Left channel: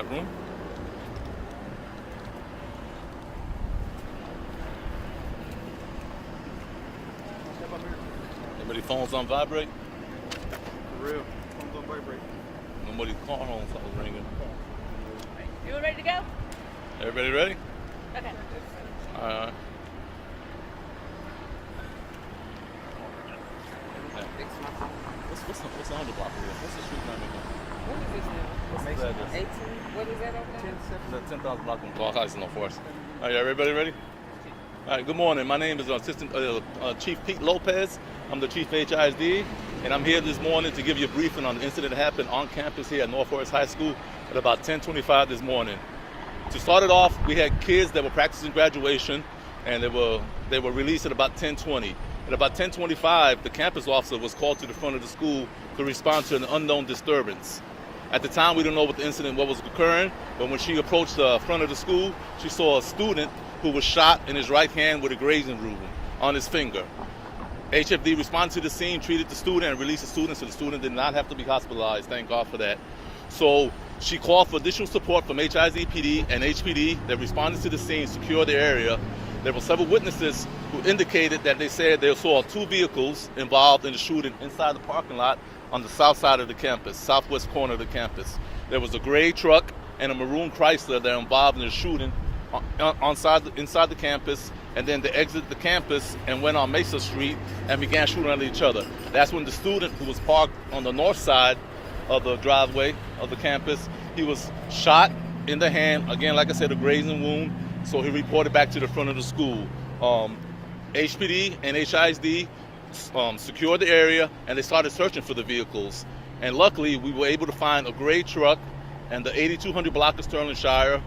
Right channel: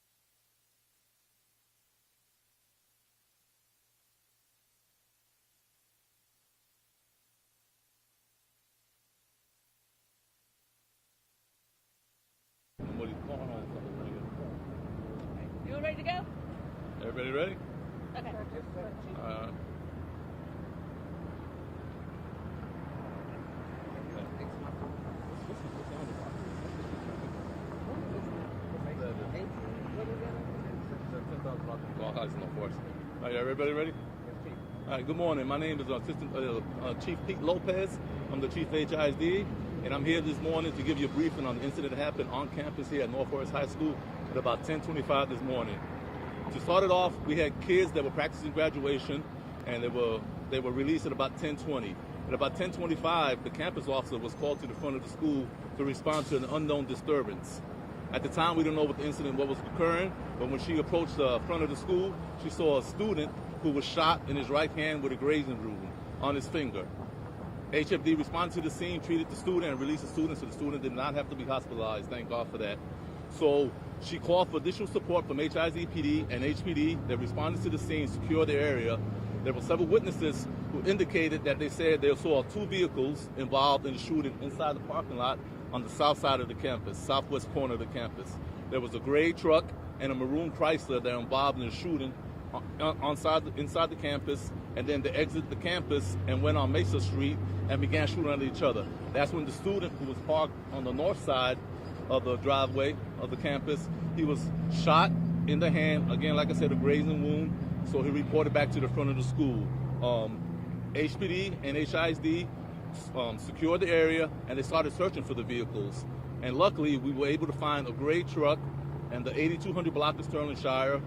Got room? Everybody phones on vibrate? For real. Phones on vibrate. Nobody's car home phone's ringing. You all ready to go? Everybody ready? Okay. All right. What's on the block here? What's the street name again? What is this now? What's that? 18? What is that over there? The 10,000 block in Clark Heights, no force. All right, everybody ready? All right, good morning. My name is Assistant Chief Pete Lopez. I'm the Chief of HISD, and I'm here this morning to give you a briefing on the incident that happened on campus here at North Forest High School at about 10:25 this morning. To start it off, we had kids that were practicing graduation, and they were released at about 10:20. At about 10:25, the campus officer was called to the front of the school to respond to an unknown disturbance. At the time, we didn't know what was occurring, but when she approached the front of the school, she saw a student who was shot in his right hand with a grazing wound on his finger. HFD responded to the scene, treated the student, and released the student, so the student did not have to be hospitalized. Thank God for that. So she called for additional support from HISD PD and HPD that responded to the scene, secured the area. There were several witnesses who indicated that they said they saw 2 vehicles involved in the shooting inside the parking lot on the south side of the campus, southwest corner of the campus. There was a gray truck and a maroon Chrysler that were involved in the shooting inside the campus, and then they exited the campus and went on Mesa Street and began shooting at each other. That's when the student who was parked on the north side of the driveway of the campus, he was shot in the hand, again, like I said, a grazing wound, so he reported back to the front of the school. HPD and HISD secured the area, and they started searching for the vehicles. And luckily, we were able to find a gray truck and the 8200 block of Sterling Shire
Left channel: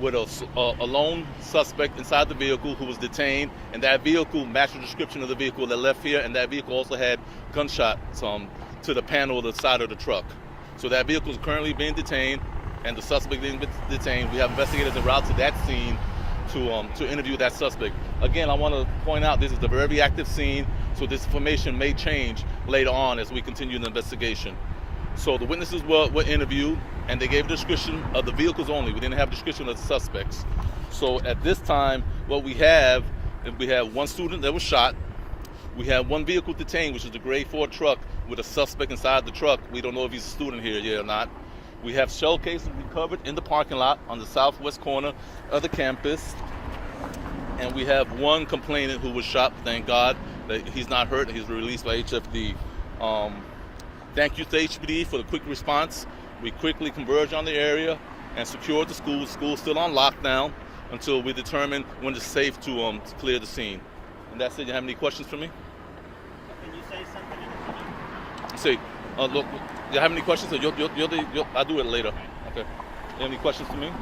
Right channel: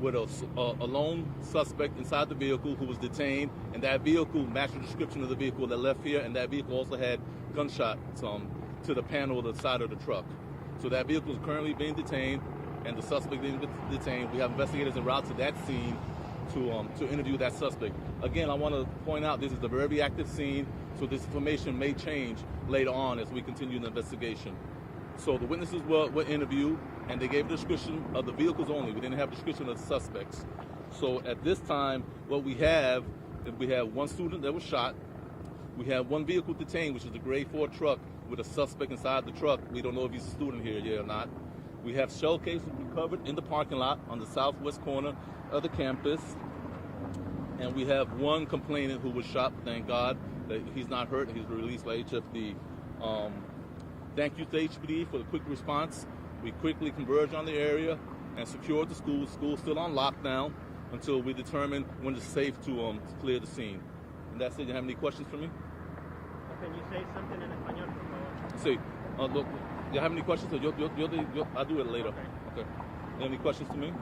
with a lone suspect inside the vehicle who was detained, and that vehicle matched the description of the vehicle that left here, and that vehicle also had gunshots to the panel of the side of the truck. So that vehicle is currently being detained, and the suspect being detained. We have investigators en route to that scene to interview that suspect. Again, I want to point out this is a very active scene, so this information may change later on as we continue the investigation. So the witnesses were interviewed, and they gave a description of the vehicles only. We didn't have a description of the suspects. So at this time, what we have 1 student that was shot. We have 1 vehicle detained, which is the gray Ford truck with a suspect inside the truck. We don't know if he's a student here yet or not. We have shell casings recovered in the parking lot on the southwest corner of the campus. And we have 1 complainant who was shot. Thank God that he's not hurt. He's released by HFD. Thank you to HPD for the quick response. We quickly converged on the area and secured the school. The school's still on lockdown until we determine when it's safe to clear the scene. And that's it. You have any questions for me? Can you say something in the See, look, you have any questions? I'll do it later. Okay. You have any questions for me?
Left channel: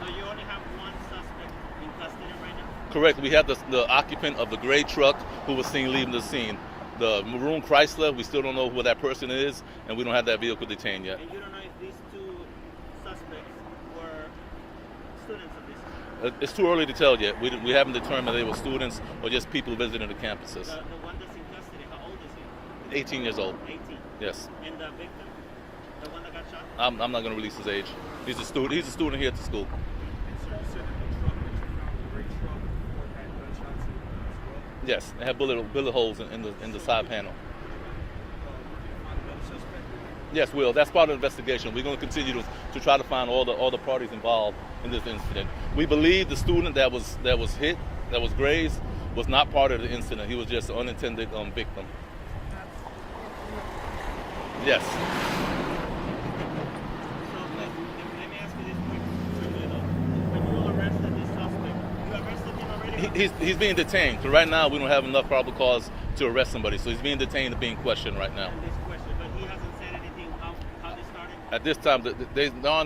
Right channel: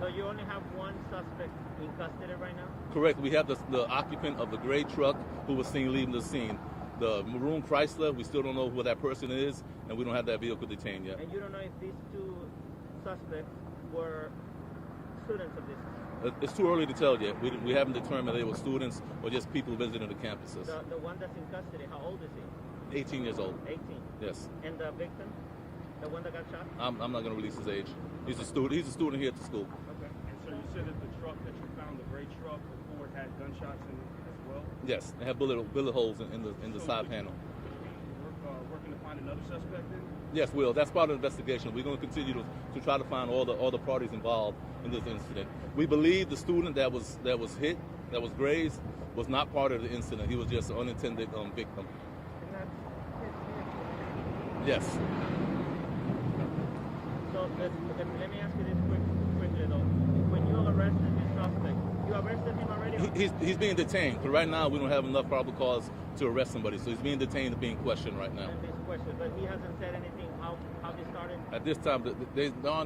So you only have 1 suspect in custody right now? Correct. We have the occupant of the gray truck who was seen leaving the scene. The maroon Chrysler, we still don't know who that person is, and we don't have that vehicle detained yet. And you don't know if these 2 suspects were students of this school? It's too early to tell yet. We haven't determined they were students or just people visiting the campuses. The one that's in custody, how old is he? 18 years old. 18. Yes. And the victim? The one that got shot? I'm not going to release his age. He's a student here at the school. Okay. So you said that the truck that you found, the gray truck, the Ford, had gunshots in it as well? Yes, it had bullet holes in the side panel. Working to find another suspect in there? Yes, Will. That's part of the investigation. We're going to continue to try to find all the parties involved in this incident. We believe the student that was hit, that was grazed, was not part of the incident. He was just an unintended victim. Yes. So let me ask you this quickly though. When you arrested this suspect, you arrested him already? He's being detained. So right now we don't have enough probable cause to arrest somebody. So he's being detained and being questioned right now. And this question, but he hasn't said anything how this started? At this time,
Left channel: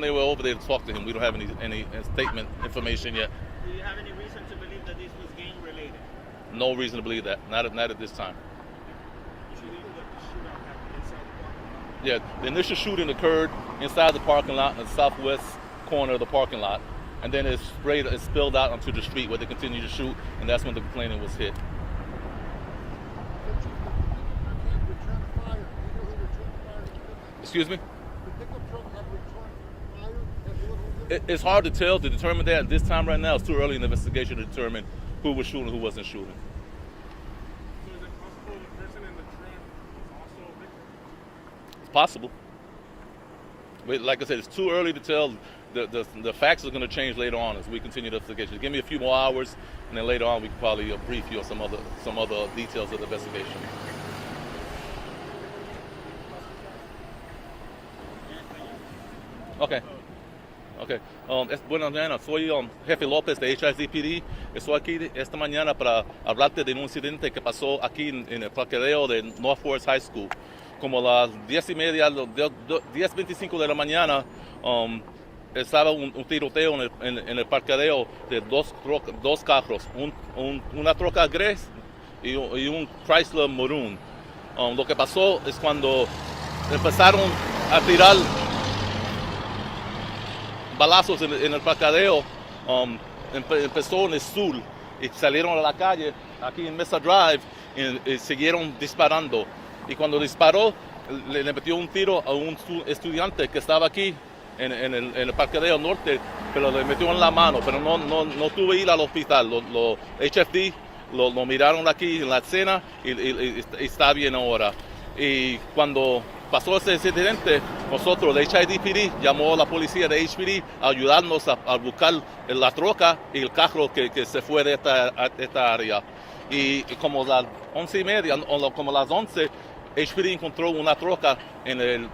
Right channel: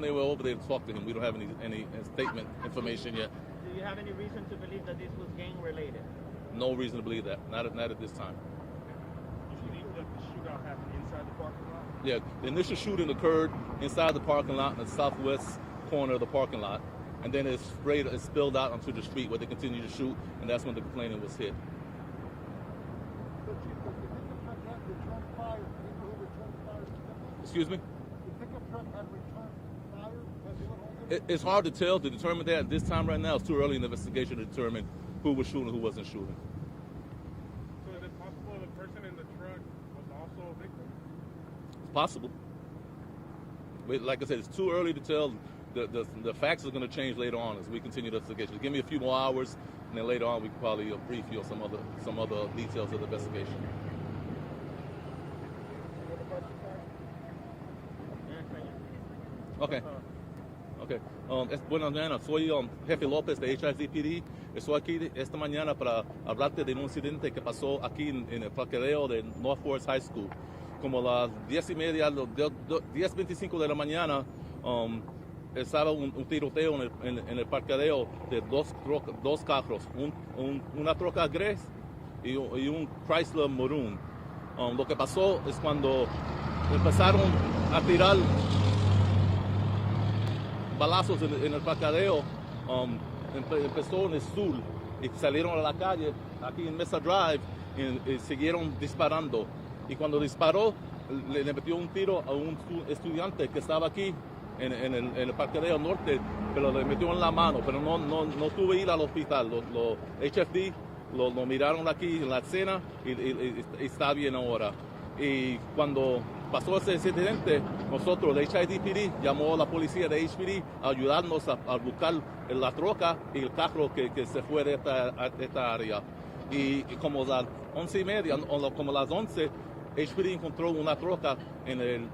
they were over there to talk to him. We don't have any statement information yet. Do you have any reason to believe that this was gang related? No reason to believe that. Not at this time. You should leave that the shootout happened inside the parking lot? Yeah, the initial shooting occurred inside the parking lot in the southwest corner of the parking lot, and then it spilled out onto the street where they continued to shoot, and that's when the complainant was hit. Excuse me? The pickup truck had returned fire. Have you It's hard to tell, to determine that at this time right now. It's too early in the investigation to determine who was shooting, who wasn't shooting. So is it possible the person in the truck was also a victim? It's possible. But like I said, it's too early to tell. The facts are going to change later on as we continue the investigation. Give me a few more hours, and then later on we can probably brief you on some other details of the investigation. Okay. Okay. Buenas mañanas. Soy Jefe López de HISD. Estoy aquí esta mañana para hablarte de un incidente que pasó aquí en el parqueo de North Forest High School. Como las 10:30, 10:25 de la mañana, estaba un tiroteo en el parqueo de dos carros, una troca gris y un Chrysler Maroon. Lo que pasó es cuando empezaron a tirar balazos en el parqueo, empezó en el sur y salieron a la calle aquí en Mesa Drive y siguieron disparando. Y cuando disparó, le metió un tiro a un estudiante que estaba aquí en el parqueo norte, pero le metió en la mano, pero no tuvo que ir al hospital. Los HFD lo miraron aquí en la escena y está bien ahora. Y cuando pasó ese incidente, nosotros, el HIDPD, llamó a la policía de HPD a ayudarnos a buscar la troca y el carro que se fue de esta área. Y como las 11:30, o como las 11, HPD encontró una troca en el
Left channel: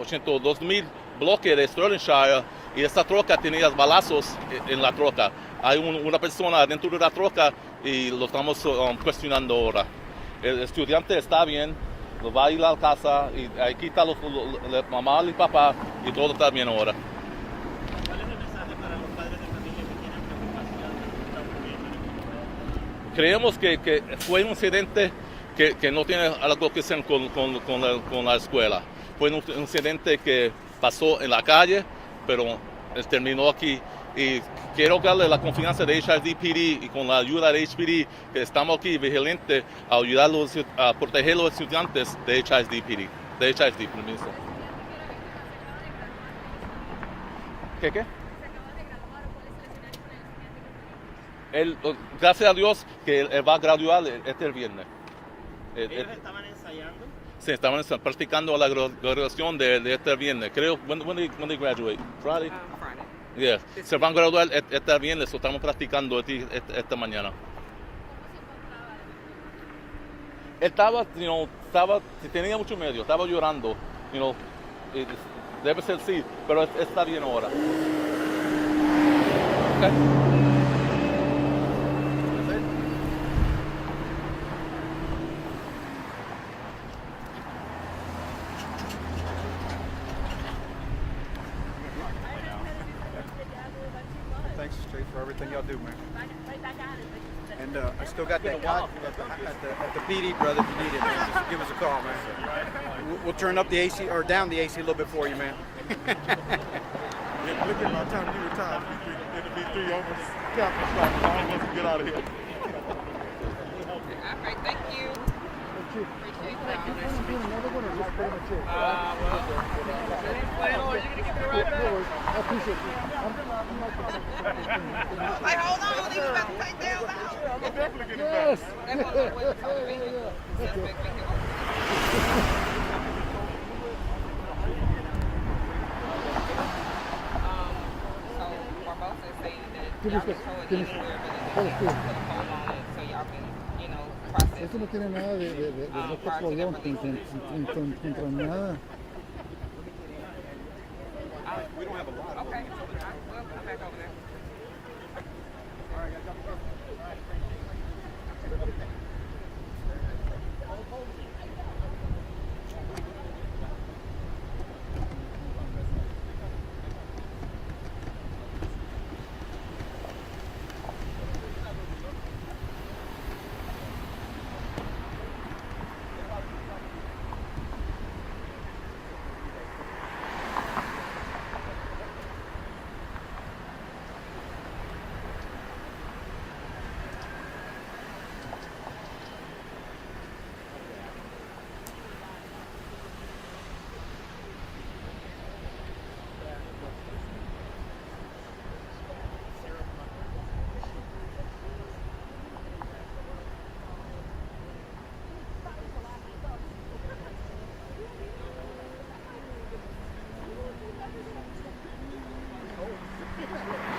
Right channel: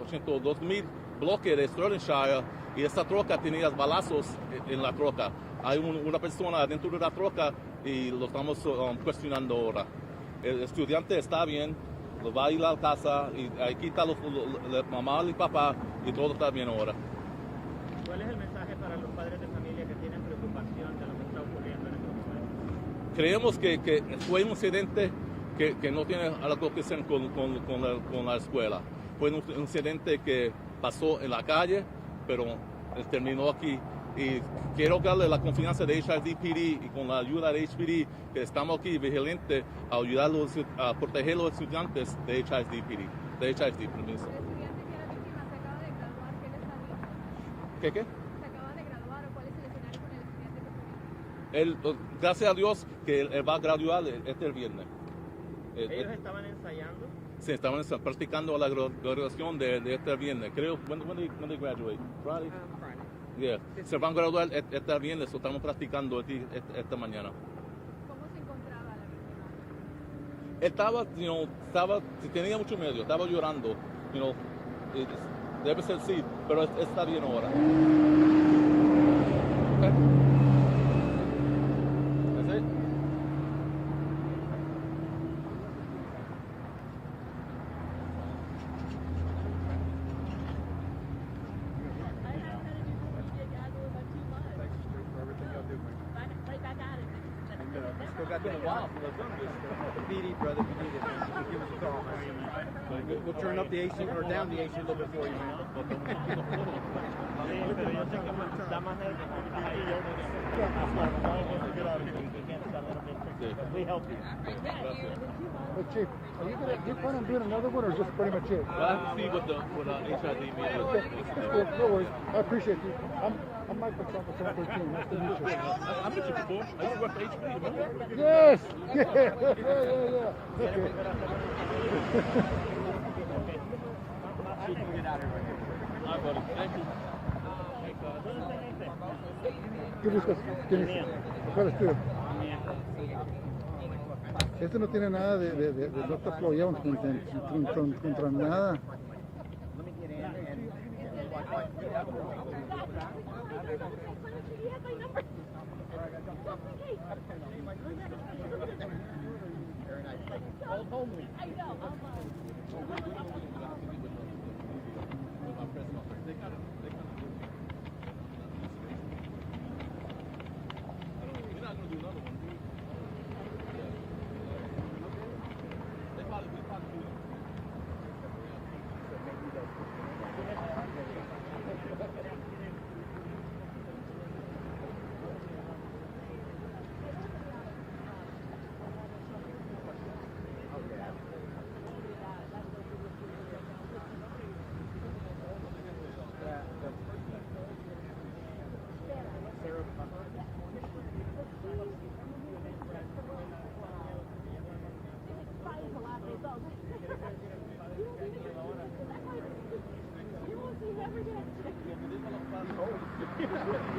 82,000 bloque de Sterlingshire y esta troca tenía balazos en la troca. Hay una persona dentro de la troca y lo estamos cuestionando ahora. El estudiante está bien, va a ir a la casa y aquí está la mamá y papá y todo está bien ahora. ¿Cuál es el mensaje para los padres de familia que tienen preocupación de lo que está ocurriendo en este momento? Creemos que fue un incidente que no tiene algo que ver con la escuela. Fue un incidente que pasó en la calle, pero terminó aquí. Y quiero darle la confianza de HIDPD y con la ayuda de HPD que estamos aquí vigilantes a ayudarlos a proteger a los estudiantes de HIDPD. De HID, permiso. ¿Qué? ¿Se acaba de graduar o cuál es el escenario con el estudiante que fue? Gracias a Dios que él va a graduar este viernes. ¿Ellos estaban ensayando? Sí, estaban practicando la graduación de este viernes. Creo, when they graduate? Friday? Friday. Yeah. Se van a graduar este viernes, so estamos practicando esta mañana. ¿Cómo se encontraba? Tenía mucho miedo, estaba llorando, debe ser sí, pero está bien ahora. Okay. Thanks, Straight, for everything y'all do, man. Right back at it. And I still got that guy at the PD, brother. If you need it, man, just give us a call, man. We'll turn up the AC or down the AC a little bit for you, man. Look at my time to retire. Three almost I want to get out of here. All right, thank you. Like, hold on, leave about to take down now. Yes. Esto no tiene nada de nosotros podíamos contra nada. Gracias.